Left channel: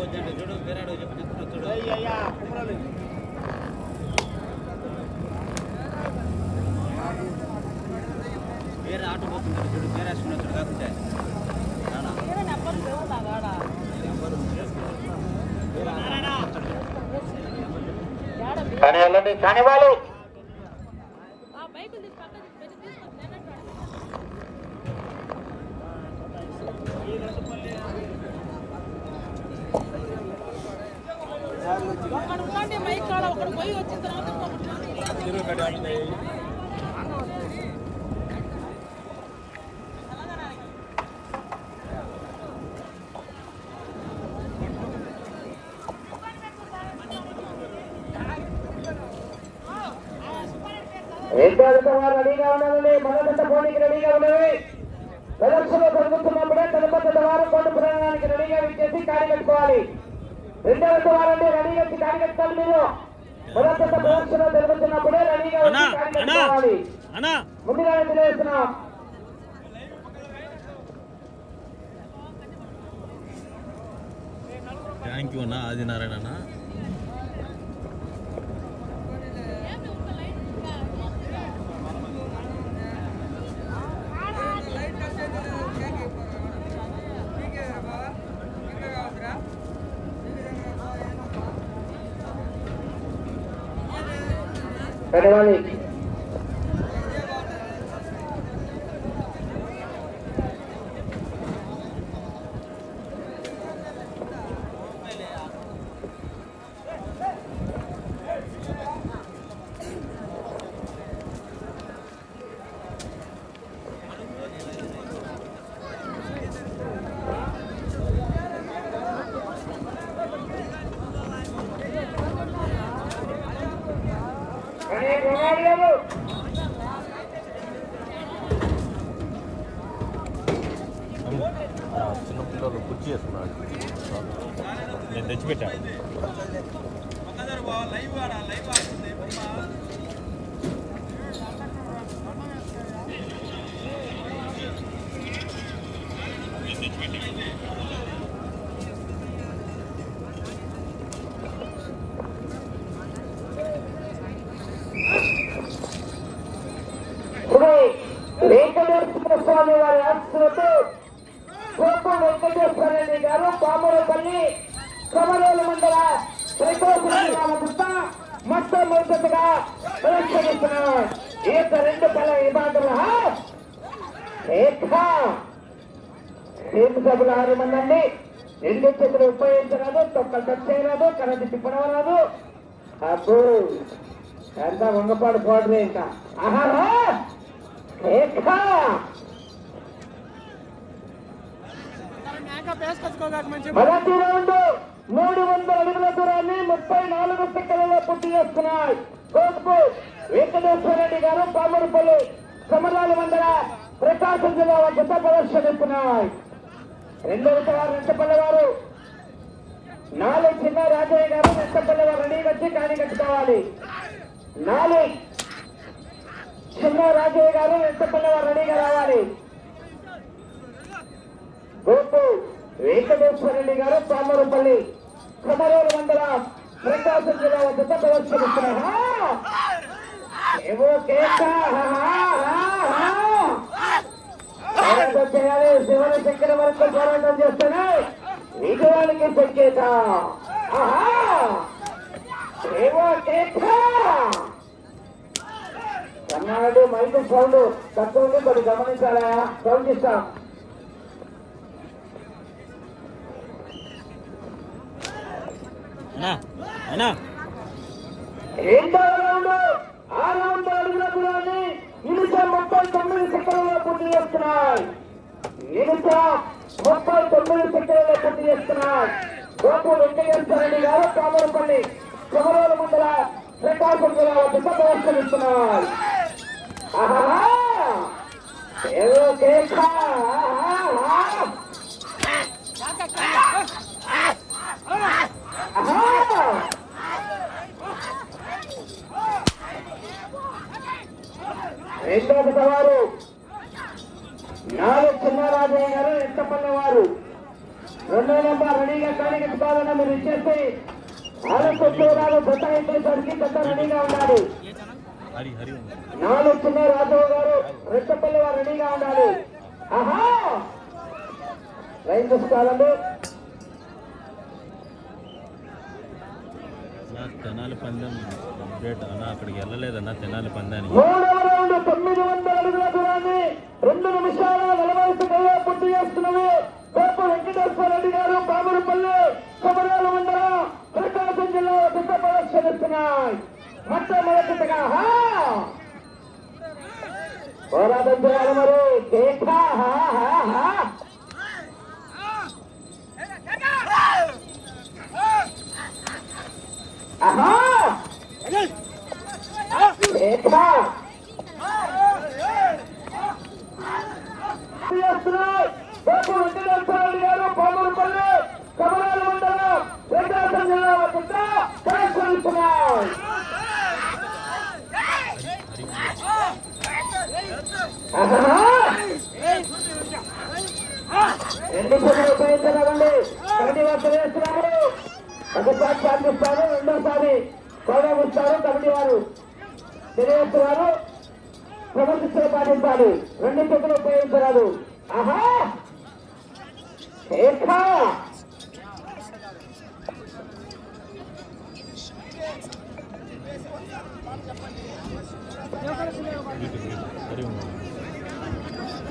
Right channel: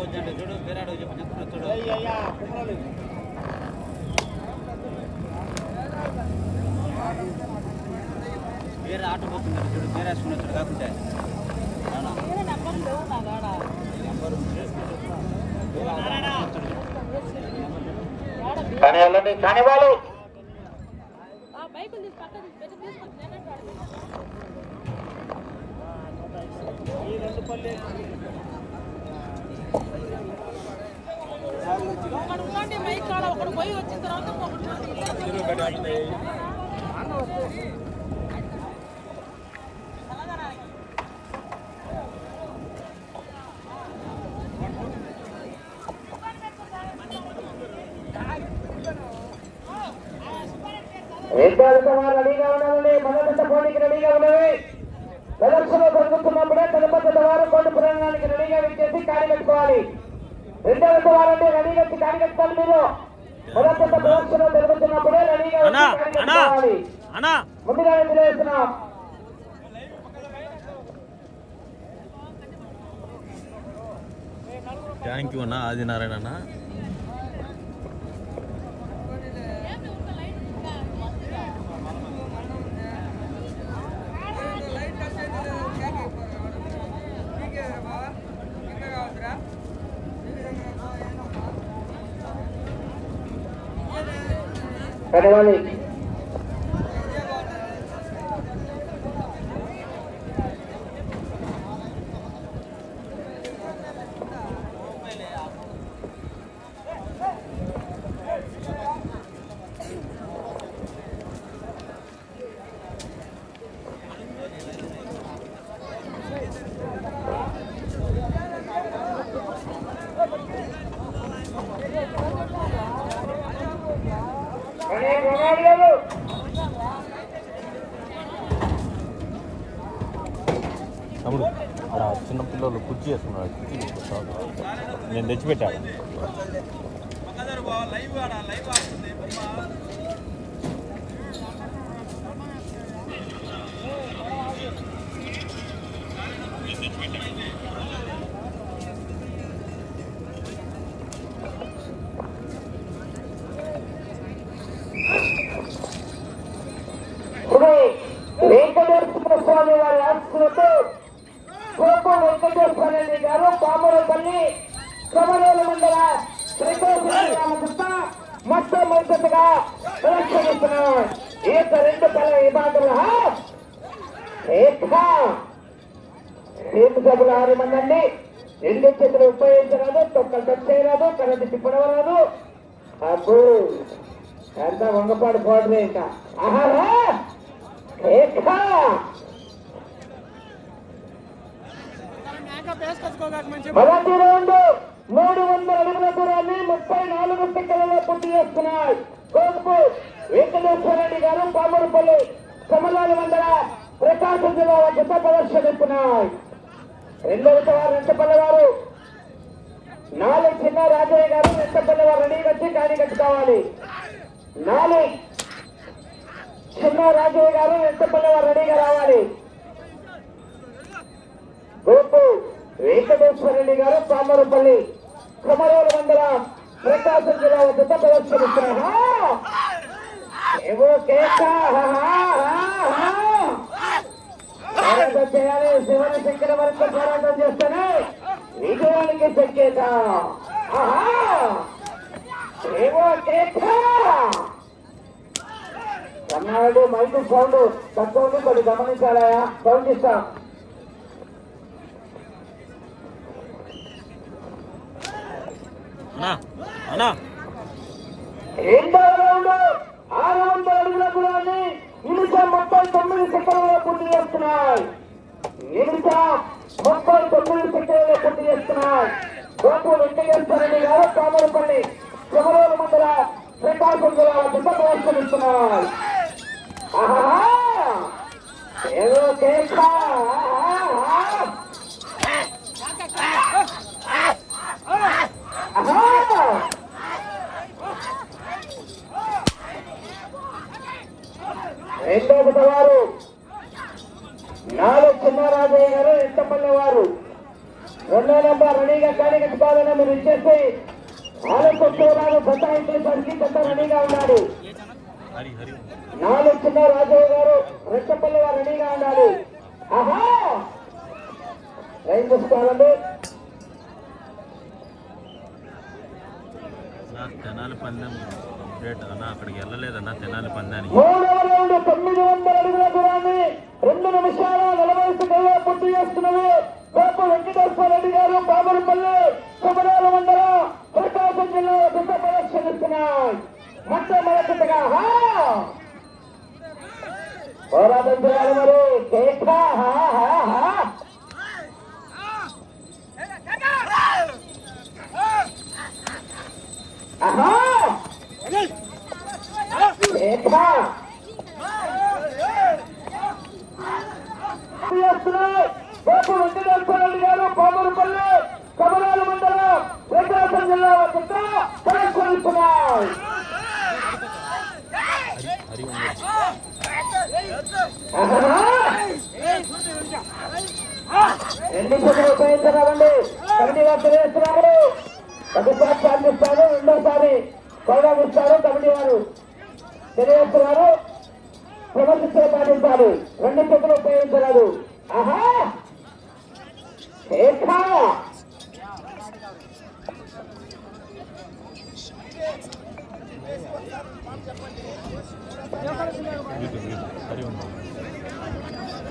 చూడు వేరే చెప్పిన చూడు. వేరే ఆటో పోతున్నాడు చూడు వేరే చూడు కాకుంటే. కానీ వెళ్ళండి కానీ వాళ్ళు రెండో వారు రెడీగా ఉండాలండి మొదటి పోటీకి రెడీగా ఉండాలి ప్రదర్శన జరుగుతున్నప్పుడే తిరుపతి వారు కొండ పురాణానికి రెడీగా ఇచ్చేసి కాడి వారంటే రెడీగా వచ్చి మీరు. మొదటి ప్రదర్శన జరుగుతున్నప్పుడే రెడీగా ముందుగా తెలియజేస్తున్నాం థ్యాంక్ యూ అన్న ఆదినారాయణ అన్న. కడవాలి తమ్ముడు అలా చిన్న పిల్లలు కుర్చీ వేస్తున్నాడు నేను తెచ్చిపెట్టా ఇప్పుడు వెంకటేశ్వర స్వామి వారి ఆశీస్సులతో కోప వెంకటేశ్వర రెడ్డి గారు పామరపల్లి కమలోల మండల శ్రీకోశ మొత్తం మొదటగా ఈ యొక్క రెండు విభాగంలో ఆరు మంది అండి? రెండు చేతులు ఉపయోగించరాదు తొక్కలు తెచ్చేయరాదు కరెంటు తిప్పడం రాదు అప్పుడు ఎంత వంగపాడు పోవడమే ఇంకా. ఆహారా మొదటి రౌండ్ మూడు వందల అడుగుల దూరాన్ని ముప్పై నాలుగు సెకండ్లలో పూర్తి చేస్తున్నాయి తోపు వెంకటేశ్వర రెడ్డి గారు పామరుపల్లి సమరాల వందల ప్రకాశం జిల్లా గత ప్రదర్శనిస్తున్నాయి రెండవ వారు రెంటపల్లి వారు నాలుగు చిన్న రాజయ్య గారు రెంటపల్లి వారు రెడీ వచ్చి కాని కట్టుకోవాలి. నాలుగు చిన్న రాజయ్య గారు రెంటపల్లి వారు రెడీగా రావాలి. గోపు వెంకటేశ్వర రెడ్డి గారు పామరపల్లి కుమరూరు మండలం ప్రకాశం జిల్లా జత ప్రదర్శనిస్తున్నా ఏవో చేయాలి. శంకర వరకు పోరాటం చేస్తేనే విజయానికి సంకేత ఏవో కన్నాడు మైండ్ సౌండ్ తక్కువ ఉంది కొద్ది గమనించాలయా సౌండ్ ఇస్తాం అన్నా అన్నా రెండవ రౌండ్ ఆ రౌండ్ అడుగుల దూరాన్ని నిమిషం ముప్పై తొమ్మిది సెకండ్లలో పూర్తి చేస్తున్నాయి. నిమిషం ముప్పై తొమ్మిది సెకండ్లలో పూర్తి చేస్తున్నాయి. గోపు వెంకటేశ్వర రెడ్డి గారు కామరపల్లి శివరాల మండల ప్రకాశం జిల్లా ఏదో ఆహా! రెండవ వారు నాలుగు చిన్నారాజయ్య గారు ఎంతమంది వారు. రెండో నంబర్ రెడీగా కానీ కట్టుకోవాలన్నా మీరు ఇచ్చేస్తే ఆలస్యం చూడాలి బతాయించేసరికి పెద్ద రెడీగా ఉన్నాడు నాలుగు చిన్న రాజయ్య గారు రెట్టపల్లి గారు రెడీగా ఉండాలి. ఆహా! రైన్ చూసుకోవాలండి తెనాలి పందెం అప్డేట్ అన్న అక్కడికి వెళ్ళలేదన్న తెనాలి పందానికి. తొమ్మిది వందల అడుగుల దూరాన్ని రెండు నిమిషాల నలభై సెకండ్ల పూర్తి చేస్తున్నవి గోపు వెంకటేశ్వర రెడ్డి గారు పామరపల్లి కొమరాల మండల ప్రకాశం జిల్లా పెద్ద ప్రదర్శనిస్తున్నాయి. మొట్టమొదటిగా పోరాటం చేయాలి మరి. కేక హా, హా, హా. ఆహా కేక చేస్తున్నాయి గోపు వెంకటేశ్వర రెడ్డి గారు పాములపల్లి కొమరాల మండల ప్రకాశం జిల్లా పెద్ద ప్రదర్శనిస్తున్నాయి హరి ఎన్ని పొద్దులు ఉపయోగించరాదండి కమిటీ ఒకసారి సాధిస్తారు రెండోసారి గౌరవం కమిటీ వారు తెలియజేస్తున్నారు క్రమశిక్షణ పాటించాలి రెండు చేతులు ఉపయోగించరాదు ఆహా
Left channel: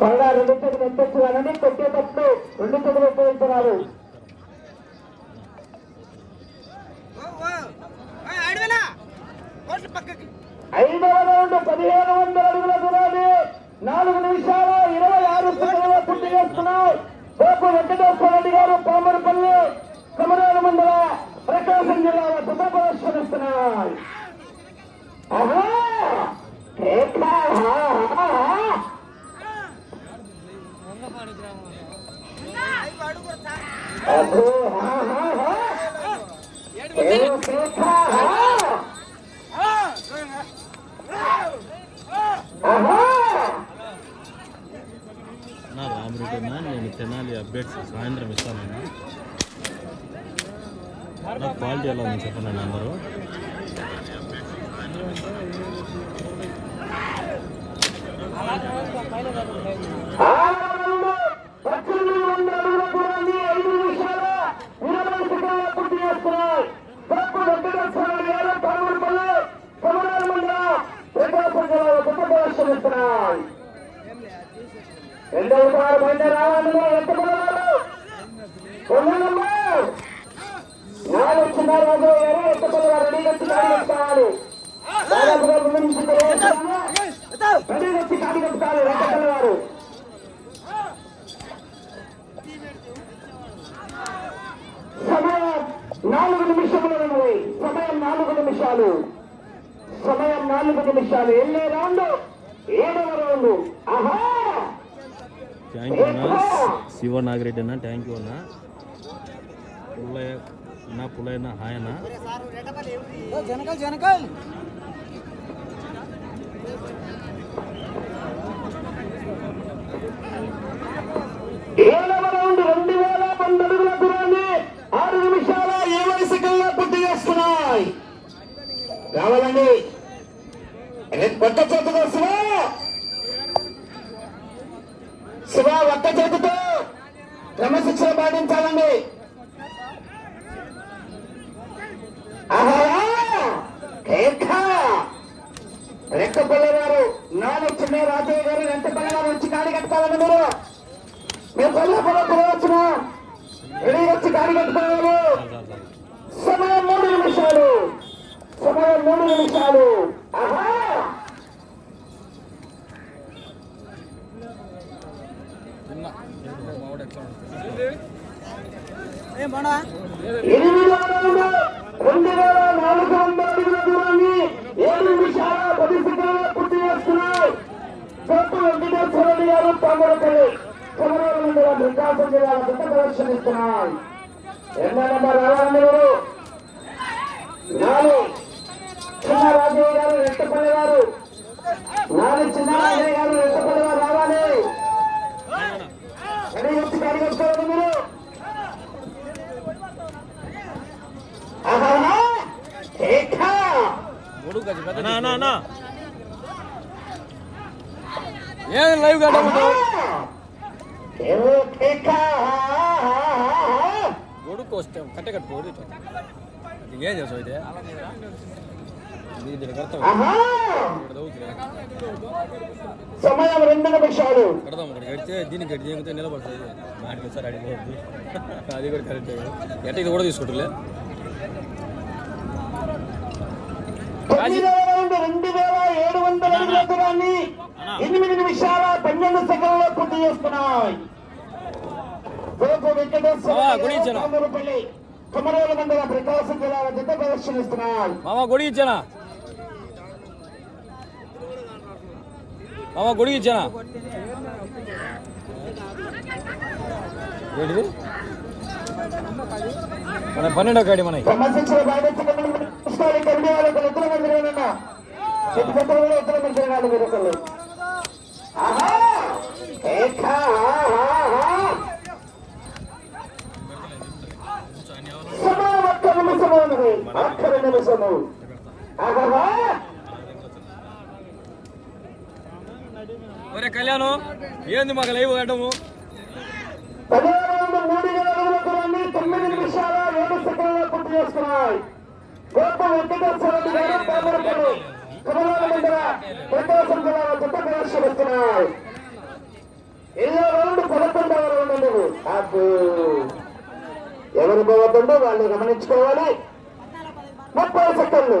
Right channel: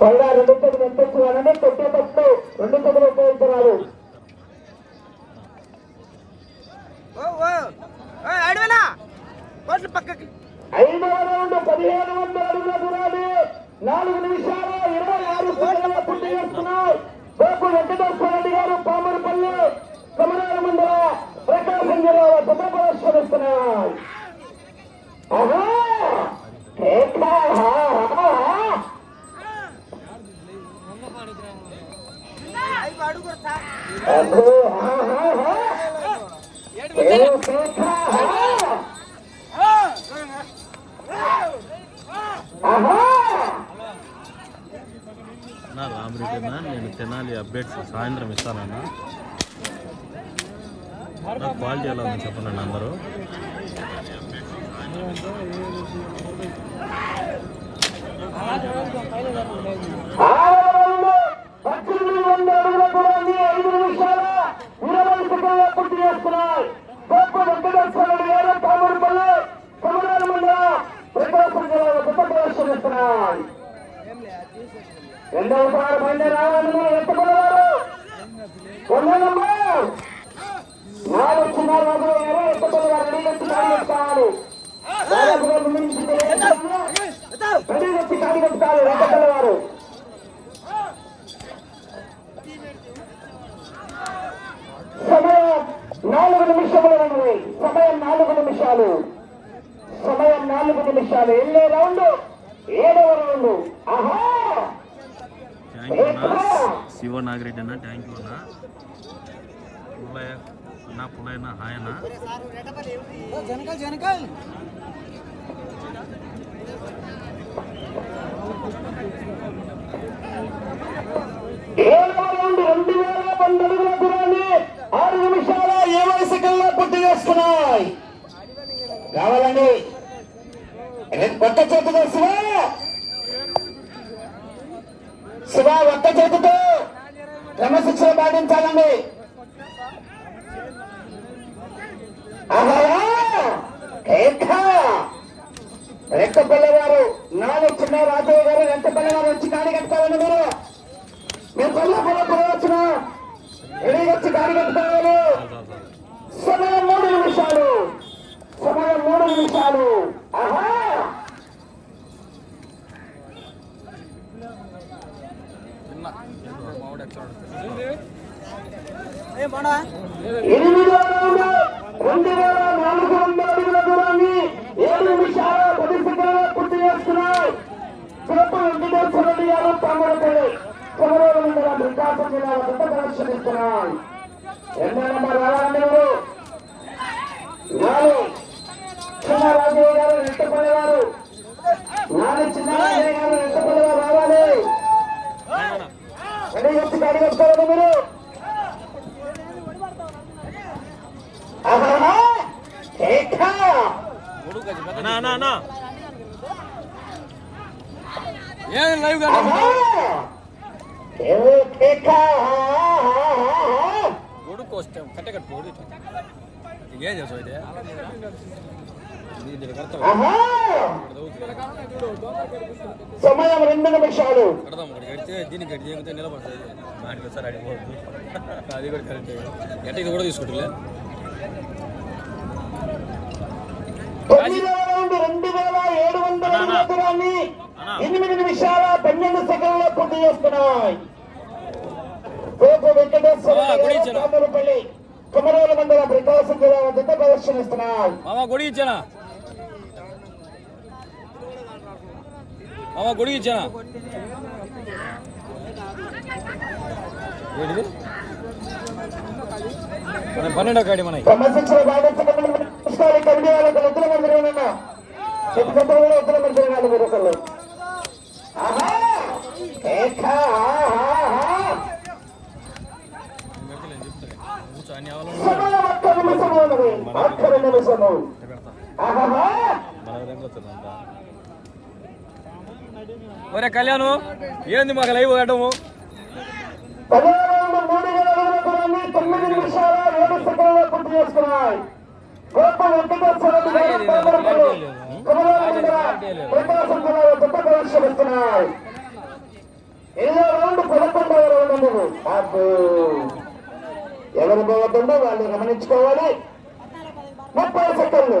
కొల్ల రెండు చేతులు ఎత్తచ్చువాలని పెట్టేటప్పుడు రెండు చేతులు కోట్ల పక్కకి. ఐదవ రౌండ్ పదిహేను వందల అడుగుల దూరాన్ని నాలుగు నిమిషాలు ఇరవై ఆరు సెకండ్ల పూర్తి చేస్తున్నారు. గోపు వెంకటేశ్వర రెడ్డి గారు పామరపల్లి కమరాల మండల ప్రకాశం జిల్లాలో శుభ నా నేను తెనాలి అప్డేట్స్ సాయంత్రం ఇస్తానన్నా. నా క్వాలిటీ ఎలా ఉంది చెప్పండి అందరూ ఆరవరంలో పద్దెనిమిది వందల అడుగుల దూరాన్ని ఐదు నిమిషాల ఇరవై సెకండ్ల పూర్తి చేస్తున్నాయి గొప్ప వెంకటేశ్వర రెడ్డి గారు పామూరుపల్లి కమరాల మండల ప్రకాశం జిల్లా గొప్ప ప్రదర్శనిస్తున్నాయి రెండవ సారి బండి రావాలని ఎత్తుకున్నారు వందలమ్మ నాలుగు చిన్నారు వందల ఇరవై ఎత్తుకున్నారు సమయం నాలుగు నిమిషాలు. సమయం నాలుగు నిమిషాలు. వెళ్ళే రౌండ్ ఏడవ రౌండ్. ఆహా! థ్యాంక్ యూ అన్న. శివ నాగిరెడ్డి అన్న థ్యాంక్ యూ అన్న. పుల్లయ్య అన్న పుల్లయ్య హాయ్ అన్న. జనకల్ జనకల్. ఏడవ రౌండ్ రెండు వేల వంద అడుగుల దూరాన్ని ఆరు నిమిషాల ఇరవై సెకండ్ల పూర్తి చేసుకున్నాయి రావాలండి. రేపు కొత్త చేతితో శివ! శివ ఒక్క చేతితో క్రమశిక్షణ పాటించాలండి. ఆహా! కేక! రెక్కపల్లె గారు నాలుగు చిన్న రాజయ్య గారు రెక్కపల్లె గారు వచ్చి కాడి కట్టాలండి మీరు. మేము కొల్లాపురం పోవచ్చున రెడీ వచ్చి కాడి కట్టుకోవాలి చాలు చాలు చాలు సమయం మూడు నిమిషాలు సమయం మూడు నిమిషాలు ఆహా! ఏం బాడా ఎనిమిదవ రౌండ్ రెండు వేల నాలుగు వందల అడుగుల దూరాన్ని ఏడు నిమిషాల పది సెకండ్ల పూర్తి చేస్తున్నాయి చోటు వెంకటేశ్వర రెడ్డి గారు పామరపల్లి కొమరాల మండలం ప్రకాశం జిల్లా పెద్ద ప్రదర్శనిస్తున్నాయి రెండో నెంబర్ రావాలండి మీరు నాలుగు చిన్న రాజయ్య గారు రెట్టపల్లి గారు నాలుగు చిన్న రాజయ్య గారు రెట్టపల్లి గారు రావాలి. గాడి కట్టుకోవాలి మీరు! అన్న అన్న అన్న. ఏం లైవ్ ఆహా! ఏవో కేక! కట్టే కట్టు ఓడి ఏం చేసావు అయితే సమయం రెండు నిమిషాలు కడదాం ఇక్కడ కడితే దీన్ని కట్టి చేయకపోతే నిలబడుతుంది వాటికి సార్ అడిగిపోద్దు అది కూడా కరెక్ట్ ఎట్ట ఇది కూడా తీసుకుంటులే రెండు వేల ఏడు వందల ఎనిమిది నిమిషాల పన్నెండు సెకండ్లో పూర్తి చేసుకున్నాయి. తోపు వెంకటేశ్వర ఆ, గుడి ఇచ్చాను. కామరపల్లి కుమరోల మండల ప్రకాశం జిల్లా జత ప్రదర్శనిస్తున్నాయి. మామ గుడి ఇచ్చానా? మామ గుడి ఇచ్చానా? ఏంటిది? మన పన్నెండో కాడి మనకి క్రమశిక్షణ బాధించకుండా కమిటీ వాళ్ళకి ఇతర మందిరం ఉన్నా చెప్పుకుంటే కూడా ఇతర మందిరం వాళ్ళు మీరు ఒరే కళ్యాణ్ ఏంది మాకు లైవ్ పెట్టము పదిహేను మండల ప్రకాశం జిల్లా జత ఏదో రౌండ్ పదకొండవ రౌండ్ నువ్వు ఎవరు పోవద్దు వాళ్ళు గమనించుకోవాలి ముప్పై సెకండ్లు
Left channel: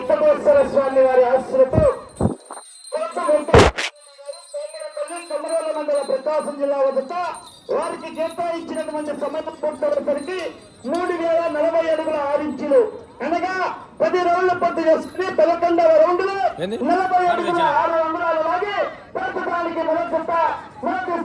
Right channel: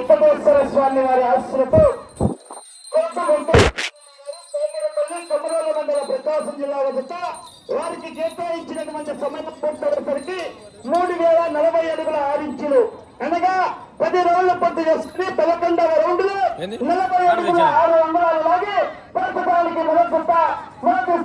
వెంకటేశ్వర స్వామి వారి మండల ప్రకాశం జిల్లా వద్ద వారికి కేటాయించినటువంటి సమయం పూర్తయ్యేసరికి మూడు వేల నలభై అడుగుల ఆరు ఇంచులు అనగా పది రౌండ్లు పూర్తి చేసుకుని పదకొండవ రౌండ్లో? నలభై అడుగుల ఆరు అంగుళాలు లాగి ప్రస్తుతానికి మొదట మొదటి